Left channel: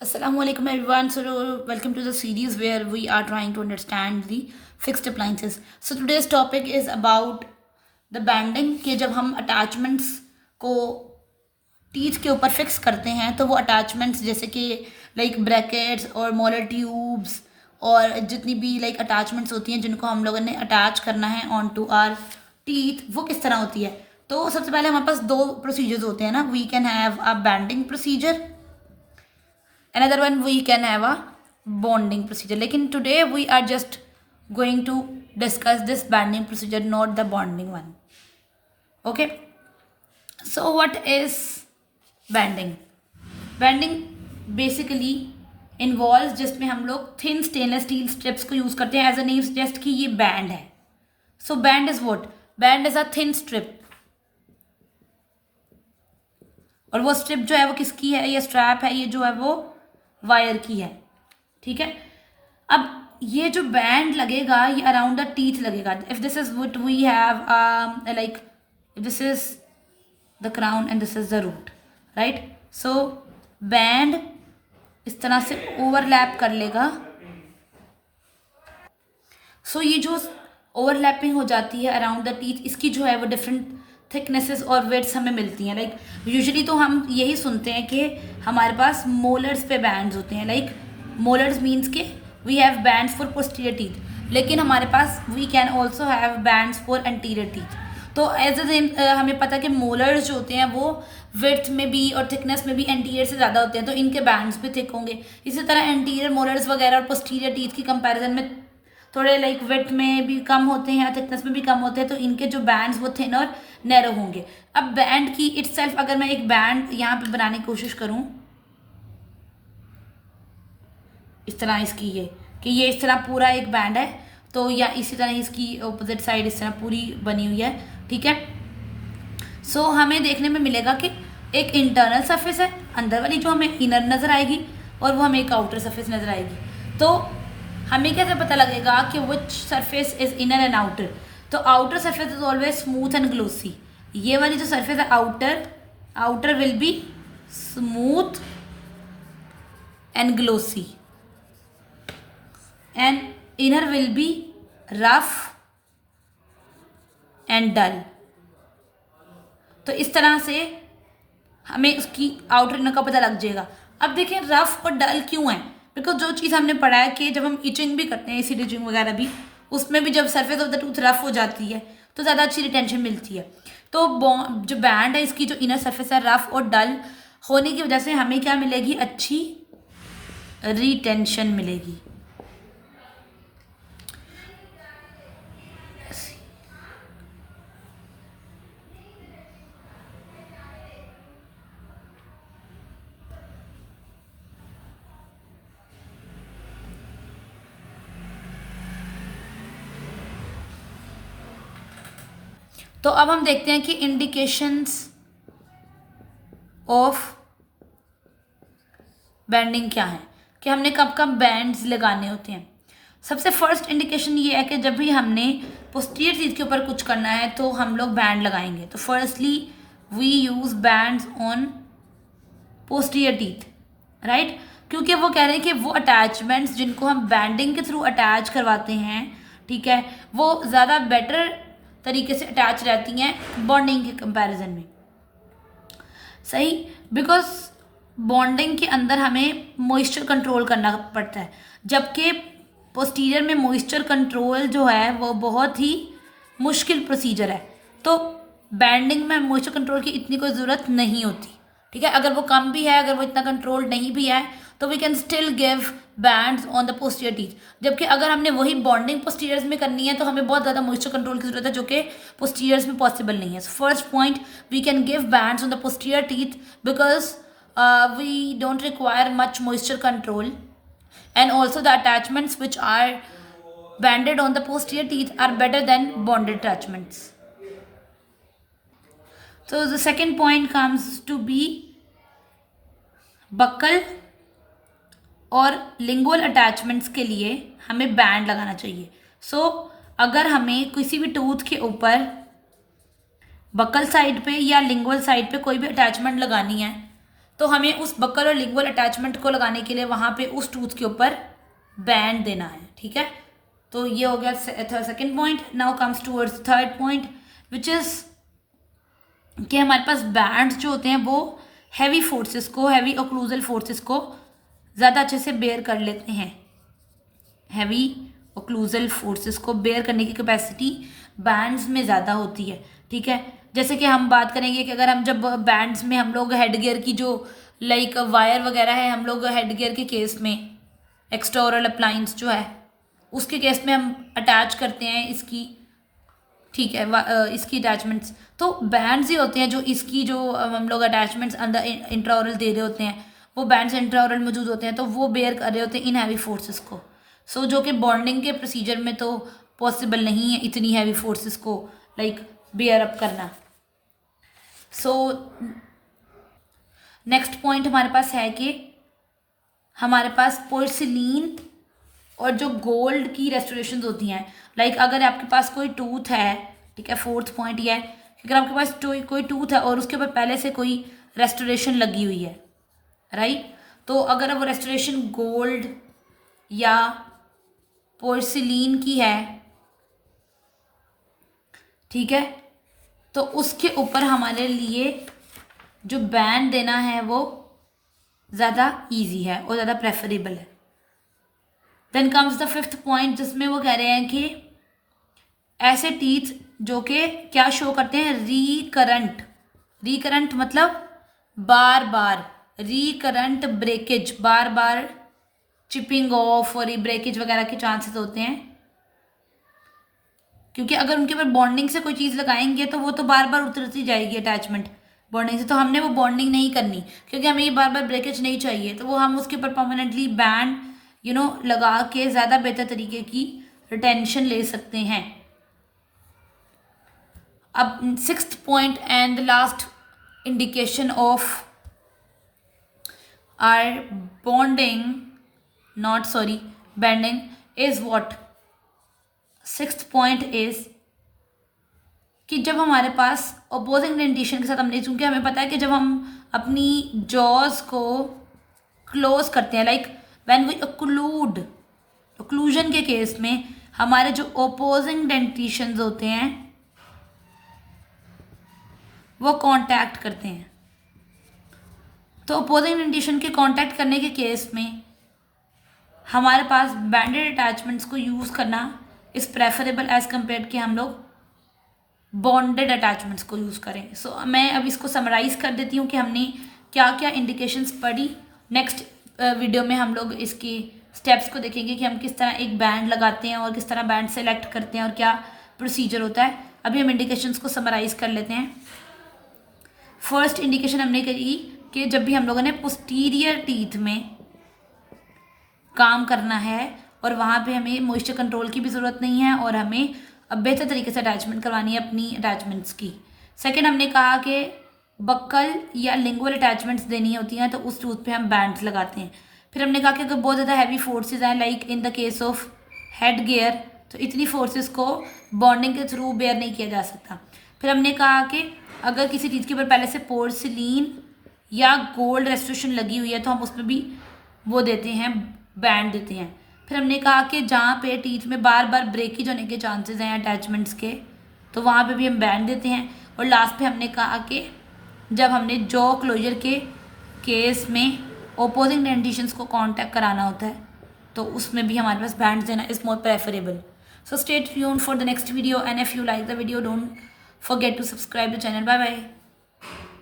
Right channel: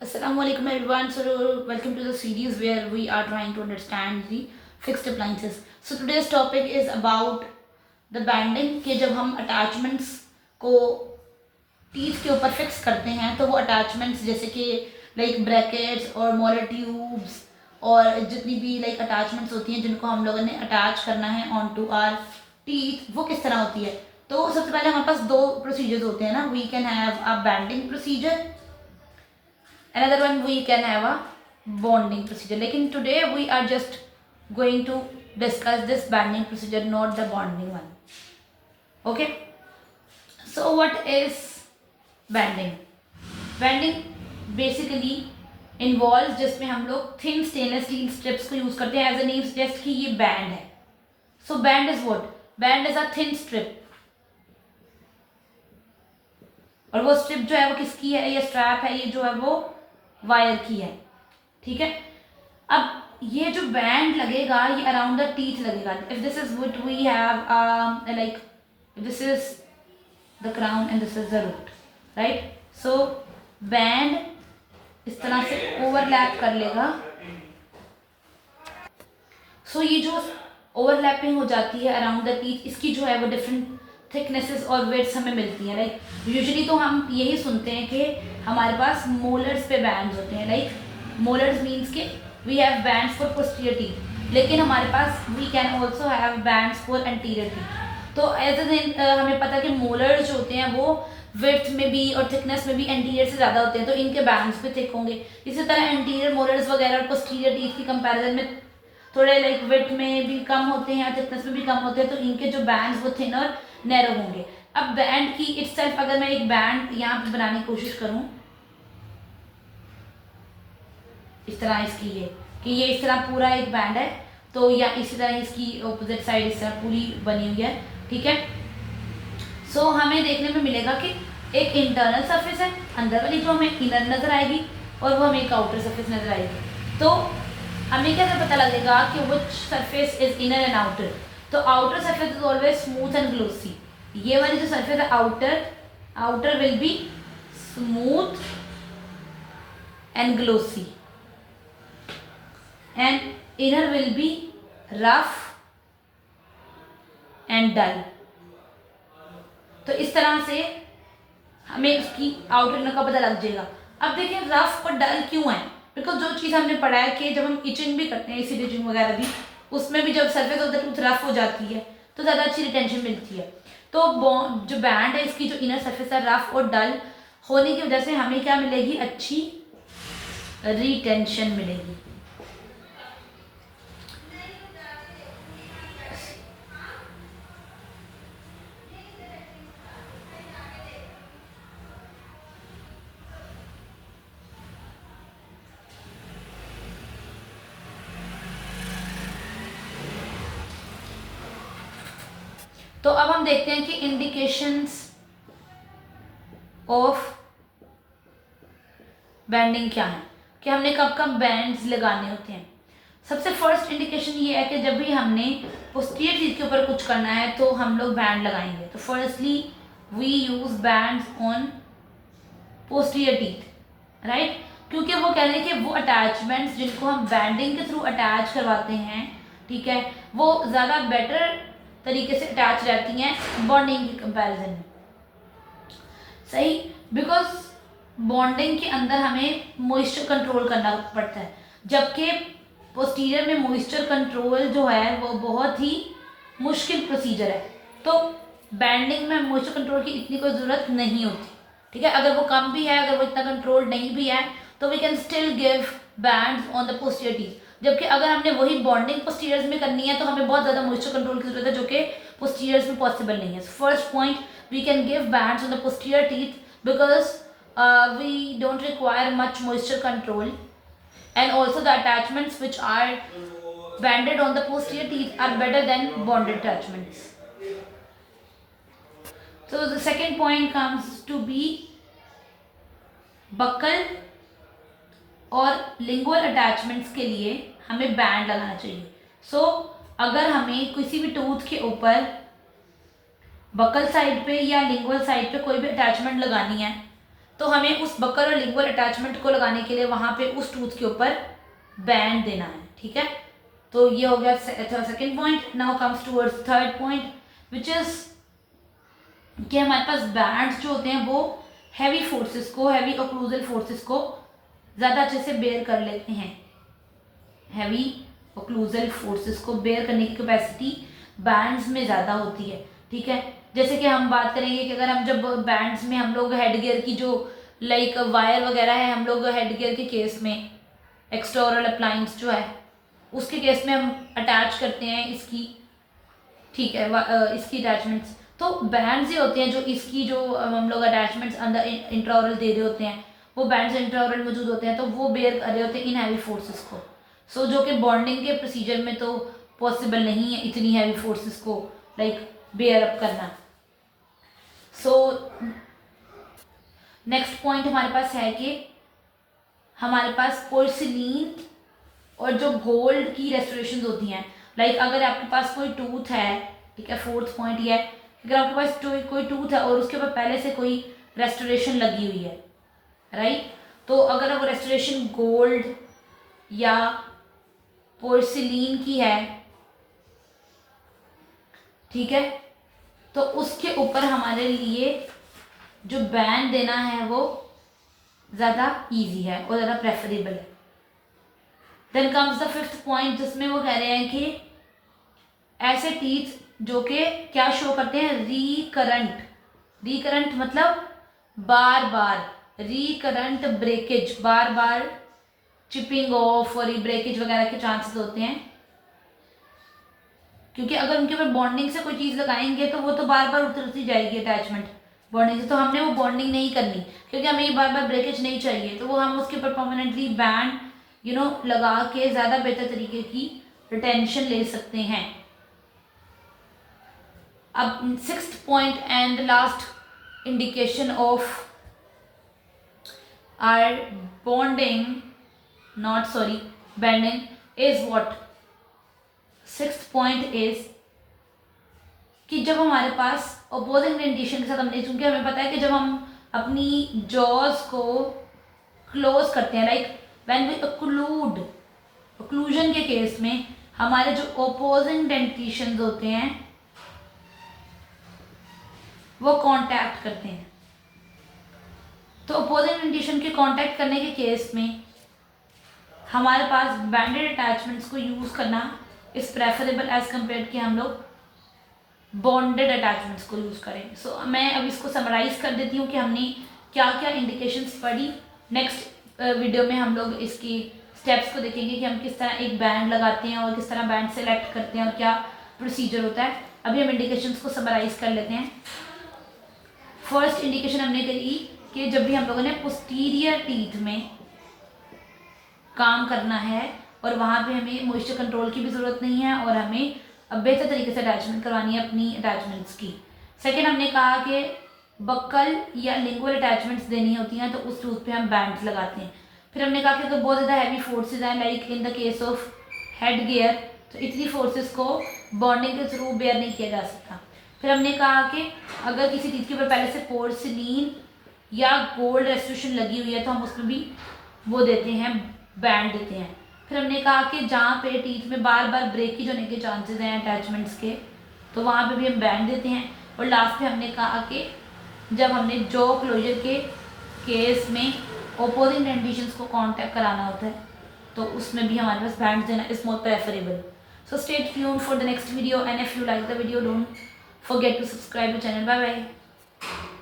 Assalamu alaikum everyone. So welcome to the series where we are trying to understand the fixed appliances. So today's topic is about the banding कि जब हम attachments को teeth के ऊपर fix करते हैं तो वो अटैचमेंट्स जैसे कि लाइक ब्रैकेट्स और मोलर ट्यूब्स और जितनी भी लाइक अटैचमेंट्स होती हैं जिनको हम लोगों ने अटैच करना है ऑन टू आर टीथ वो किस तरह होती है। तो सबसे पहले हमारे पास दो प्रोसीजर्स होते हैं ना, we can have a banding procedure, another one we can have a bonding procedure. Lekin today we are just going to discuss this banding procedure, not the bonding one. Okay, so what is banding? Banding basically involves जिसमें हम लोग thin stainless steel strips को use करते हैं. As a name suggest कि ये band है. So band is what? Band is a thin strip. और वो स्ट्रिप जो है वो किसकी है? ये स्ट्रैप है, ये जो है वो वायर की है. ठीक है. अब ये जो बैंड लगेगा ये अराउंड द टीथ लगेगा. If this is what we have like this is the crown and this is the root, right. So band इस तरह से ओवरलैप कर लेगा. सो ये जो ओवरलैपिंग हो जाती है अराउंड द टीथ, इसकी जो है वो डिफरेंट थिकनेसेस और वेट्स हमें मिलती हैं. लाइक यूजुअली तो हम यही सुनते हैं कि हमारे पास मोलर्स पे बैंड्स होते हैं. लाइक मोलर्स मीन्स के we have bands for posterior teeth, लेकिन हमारे पास we can also have bands for anterior teeth. तो एज अ हमें पता है कि मोलर्स जो होते हैं वो विड्थ में भी और थिकनेस में भी एंटीरियर से ज़्यादा होते हैं, तो इनके बैंड्स भी थिक होंगे. इसी तरह एंटीरियर मोलर्स वगैरह और पोस्टीरियर टीथ की कंपैरिजन में थोड़े लाइक विड्थ में भी कम होते हैं, थिकनेस में भी कम होते हैं, तो इनके जो बैंड्स वो थिन और नैरो होंगे. अब बैंड की इटसेल्फ अगर मैं एक बैंड यहाँ पे बनाने की कोशिश करूँ इस तरह इसकी ये कि ये इस तरह पूरा एक बैंड है, तो या इसी तरह इसकी ऑपोजिट साइड इस तरह पूरी बनी हुई है. ठीक है. सो हमें देखने में मिलेगा कि एक इंटरनल सरफेस है, अंदर वाली जो हमें इनर नज़र आएगी, और वो हमें एक आउटर सरफेस नज़र आएगी. तो हमें कैसे पता लगेगा कि which surface is inner and outer? तो outer surface is always smooth and glossy. ये वाली जो सरफेस है outer will be smooth and glossy and inner will be rough and dull. तो इस तरह से हमें उसकी आउटर इनर का पता लग जाएगा. अब देखें रफ और डल क्यों है? बिकॉज जो चीज़ हमने पढ़ा है कि जब हम इचिंग भी करते हैं, एसिड इचिंग वगैरह भी, उसमें भी जब surface of the tooth rough हो जाती है तो ज़्यादा अच्छी रिटेंशन मिलती है. तो जो बैंड है इसकी जो इनर सरफेस है रफ और डल होने की वजह से हमें क्या मिलेगी? अच्छी रिटेंशन मिलेगी. तो अब हम देखते हैं कि इंडिकेशंस ऑफ बैंडिंग क्या है, कि हमने कब कब बैंड्स लगाने होते हैं. सबसे फर्स्ट इंडिकेशन ये है कि जब भी हमने पोस्टीरियर टीथ के ऊपर कुछ करना है तो हम लोग बैंड लगाएंगे. तो firstly we use bands on posterior teeth, right. क्योंकि वो कह रहे हैं कि वो अटैचमेंट्स जिनको हम बैंडिंग के थ्रू अटैच करवाते हैं, ठीक है, वो ज़्यादा बेटर तरीके से अटैच रहती हैं बॉन्डिंग के कंपैरिजन में. सही. बिकॉज बॉन्डिंग के अंदर हमें मॉइस्चर कंट्रोल करना पड़ता है, जबकि पोस्टीरियर में मॉइस्चर कंट्रोल जो है वो बहुत ही मुश्किल प्रोसीजर है. तो बैंडिंग में मॉइस्चर कंट्रोल की इतनी कोई ज़रूरत नहीं होती. ठीक है. अगर वो कम भी है, अगर वो इतना कंट्रोल नहीं भी है, तो we can still give bands on the posterior teeth. जबकि अगर हमने वही बॉन्डिंग पोस्टीरियर्स में करनी है तो हमें बहुत ज़्यादा मॉइस्चर कंट्रोल की जरूरत है, जो कि पोस्टीरियर्स में पॉसिबल नहीं है. First point, we can give bands on the posterior teeth because we don't require much moisture control, and also the attachments which are banded on the posterior teeth are better than bonded attachments. So the second point comes to be buccal और lingual attachments के लिए हमें band लगाना चाहिए. So अगर हमें किसी भी टूथ के ऊपर बकल साइड पे या लिंगुअल साइड पे कोई भी अटैचमेंट लगानी है तो हमें उस बक्कल और लिंगुअल अटैचमेंट को लगाने के लिए वहाँ पे उस टूथ के ऊपर बैंड देना है, ठीक है। तो ये हो गया second point. Now comes towards third point which is कि हमारे पास बैंड्स जो होते हैं वो हैवी फोर्सेस को, हैवी ओक्लूजल फोर्सेस को ज़्यादा अच्छे से बेयर कर लेते हैं। हैवी ओक्लूजल फोर्सेस को बेयर करने की कैपेसिटी बैंड्स में ज़्यादा होती है, ठीक है। जैसे कि हम बात करेंगे कि अगर हम जब बैंड्स में हम लोग हेड गियर की जो लाइक वायर वगैरह है, हम लोग हेड गियर के केस में एक्सटर्नल अप्लायंस जो है उसके केस में हम अटैच करते हैं इसकी, ठीक है, इसकी अटैचमेंट्स। तो बैंड्स ही होते हैं जो इसकी जो हम लोग अटैचमेंट्स अंदर इंट्राओरल दे रहे होते हैं, वो बैंड्स इंट्राओरल मौजूद होते हैं, तो वो बेयर कर रहे होते हैं इन हैवी फोर्सेस को। सो जो कि बॉन्डिंग के प्रोसीजर में तो पॉसिबल नहीं है इतनी हैवी फोर्सेस को लाइक बेयर अप करना। सो नेक्स्ट पॉइंट हमारे पास है कि हमारे पास पोर्सिलीन और जो गोल्ड की रेस्टोरेशन होती हैं, लाइक अगर आपके पास कोई टूथ है, ठीक है, फोर्थ पॉइंट ये है, अगर आपके पास कोई टूथ है और उसके ऊपर पहले से कोई रेस्टोरेशन लगी हुई है, राइट, तो अगर वो रेस्टोरेशन गोल्ड या पोर्सिलीन की है, ठीक है, तो उसके ऊपर हमारे लिए जो बैंड देना है वो ज़्यादा इजी है और ज़्यादा प्रेफरेबल है। Then comes the fifth point जिसमें वो कह रहे हैं कि ऐसे टीथ जो कि क्या शो करते हैं, रिकरंट मतलब बार बार, रिकरंट ब्रेकेज, बार बार चिपिंग ऑफ और ब्रेकेज वगैरह के चांसेस होते हैं, क्योंकि अगर उनके ऊपर बॉन्डिंग से कोई चीज़ लगाएंगे तो वो तो बार बार उतरती जाएगी अटैचमेंट बॉन्डिंग से, तो हमने वो बॉन्डिंग नहीं करनी क्योंकि हमें ये बार बार ब्रेकेज नहीं चाहिए, तो वो हम उसके ऊपर परमानेंटली बैंड लगा के ज़्यादा बेहतर तरीके की रिटेंशन ले सकते हैं। अब sixth point and last indication of our banding is what, sixth point is कि जब हमारे पास अपोजिंग डेंटेशन के साथ हमने, चूंकि हमें पता है कि जब हम अपनी जॉज को क्लोज करते हैं, लाइक व्हेन वी ओक्लूजन के केस में हमारे जो ओपोजिंग डेंटेशंस होते हैं वो कांटेक्ट करते हैं, तो अपोजिंग डेंटेशन के कांटेक्ट करने के केस में हमारे पास बैंडेड अटैचमेंट्स को यूज़ करना इज़ प्रेफरेबल एज कम्पेयर कि हम लोग बॉन्डेड अटैचमेंट्स को यूज़ करें। सो मैं अब इसको समराइज़ कर देती हूँ कि हमने क्या क्या इंडिकेशंस पढ़ी। नेक्स्ट वीडियो में हम लोग इसकी स्टेप्स को देखेंगे कि हम किस तरह एक बैंड लगाते हैं और किस तरह बैंड सेलेक्ट करते हैं और क्या प्रोसीजर होता है। अभी हम इंडिकेशंस को समराइज़ कर लेते हैं। फर्स्ट इंडिकेशन हमने करी कि जब भी हम लोगों ने पोस्टीरियर टीथ में काम करना है और वहाँ पे हमें मॉइस्चर कंट्रोल की भी ज़रूरत नहीं है और हमें अब बेहतर तरीके से अटैचमेंट करवानी है अपनी अटैचमेंट्स की। सेकेंड हमने कहा कि बक्कल या लिंगुअल अटैचमेंट्स देनी होती हैं तो उस टूथ पे हम बैंड्स लगाते हैं। फिर हमने कहा कि अगर बहुत ज़्यादा हैवी फोर्सेज हैं like in the case of head gear, तो इतनी फोर्सेस को बॉन्डिंग के थ्रू बेयर नहीं किया जा सकता। फिर हमने कहा कि अगर किसी चीज़ के ऊपर पहले से पोर्सिलीन या गोल्ड रेस्टोरेशन लगी हुई है तो हम उसमें भी वो देते हैं, बैंड देते हैं। फिर हमने कहा कि जहाँ पे टीथ में बार बार ब्रेकेज होने के चांसेस हैं अटैचमेंट्स के, तो वहाँ पे भी हम बैंड देते हैं। और लास्ट पे हमने कहा कि जब हमने जॉ क्लोजर के केस में ओपोजिंग डेंटेशंस को कांटेक्ट कराना होता है तो उसमें भी हमारे पास बैंड देना is more preferable. So stay tuned for the next video and if you like the video don't forget to subscribe the channel. Bye bye.